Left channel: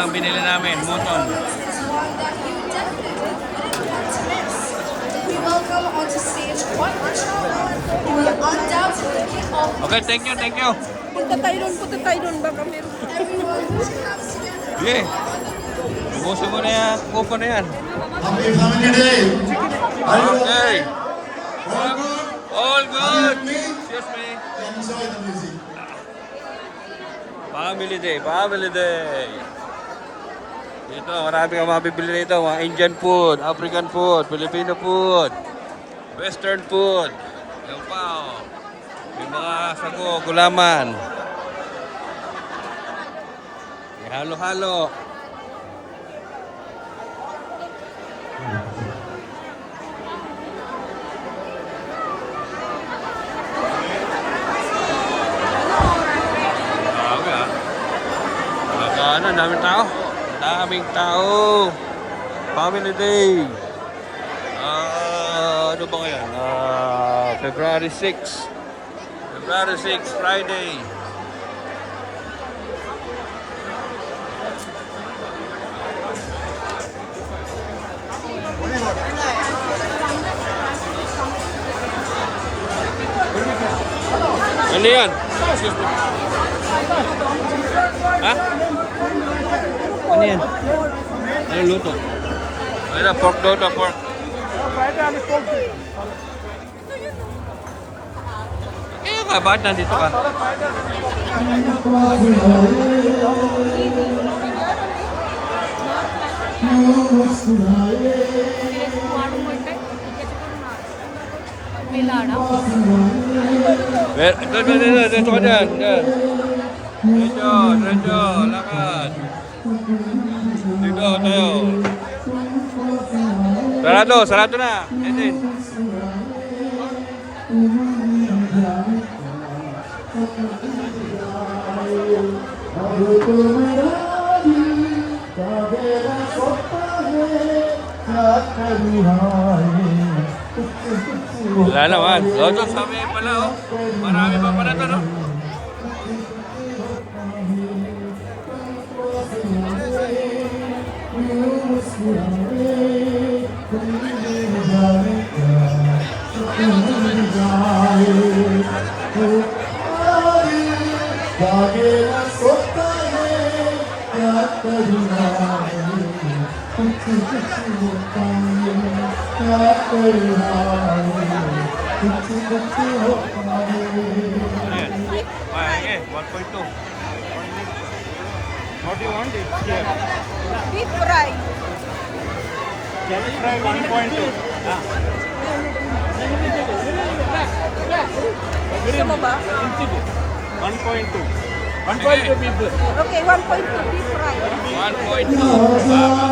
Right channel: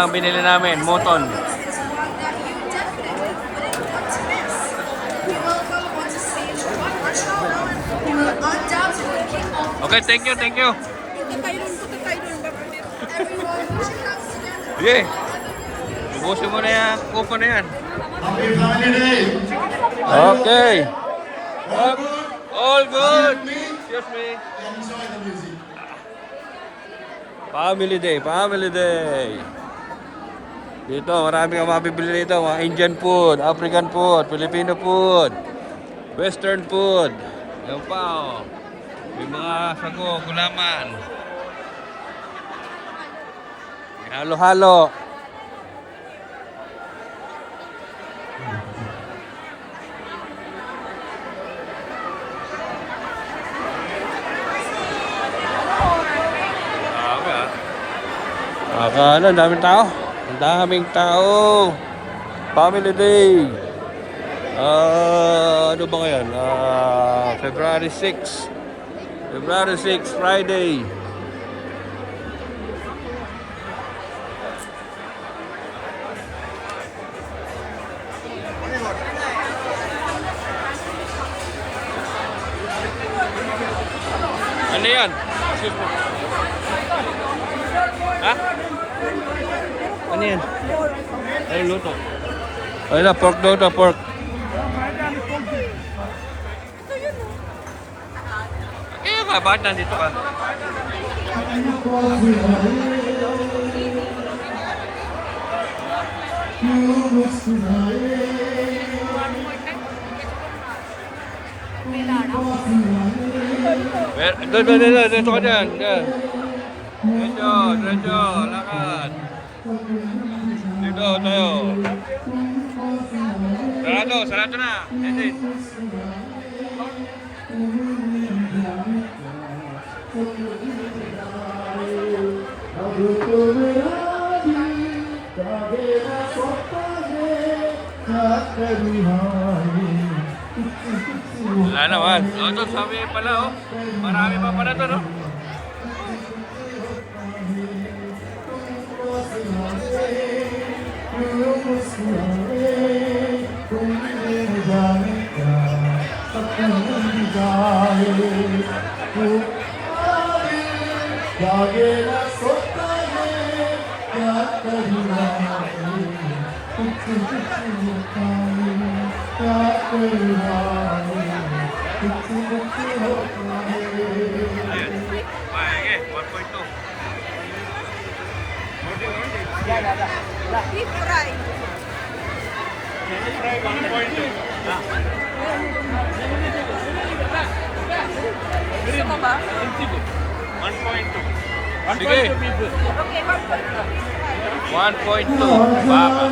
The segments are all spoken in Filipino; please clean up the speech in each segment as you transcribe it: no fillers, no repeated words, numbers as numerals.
ang binili namin, Moton. We welcome onto stage one the undoubted Okay, thank you, thank you. punta tayo doon baka meron. Yeah. Ubusin mo na yan, kupo na yan. Okay. All good. Excuse me. Family day, family day. Dito, marami kang mabibili dito. Mga Indian food, African food, Filipino food, Western food. Yung pa, oh. Yung mga sago, gulaman. Halo-halo. Grabe ah. Akala, daming tao. Daming tao. Family day. Ano ba ngayon? February 6. February 6, Friday. Ano yan? Excuse me. Ha? Ano yan? Ano luto? Ay na, pork na ito, pork. Kaya ka, bakit nandito ka? Dito ka dyan. Diretso, lakad. Dito tayo. Sarado na. Edit. Wala naman. Loto, sabi pala oh. Marami pa pala to, no? Ay, 1.2. Beef fry. Gusto mo ba? 1.2. Okay, 1.2 beef fry. 1.2. Baka.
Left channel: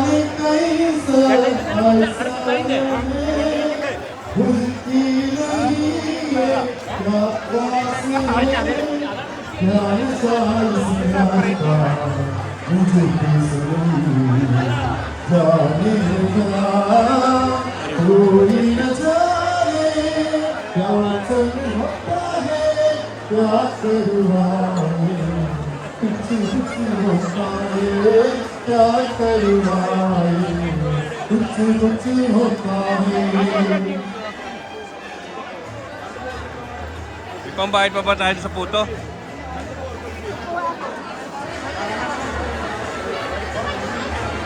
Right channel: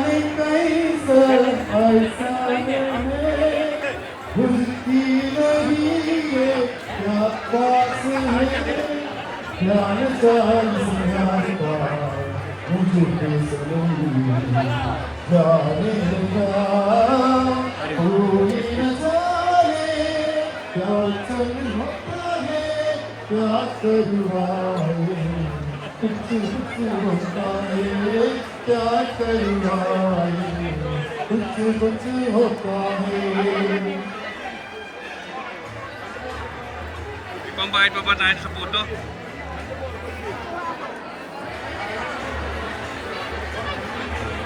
Pambayad pa ba tayo sa puto?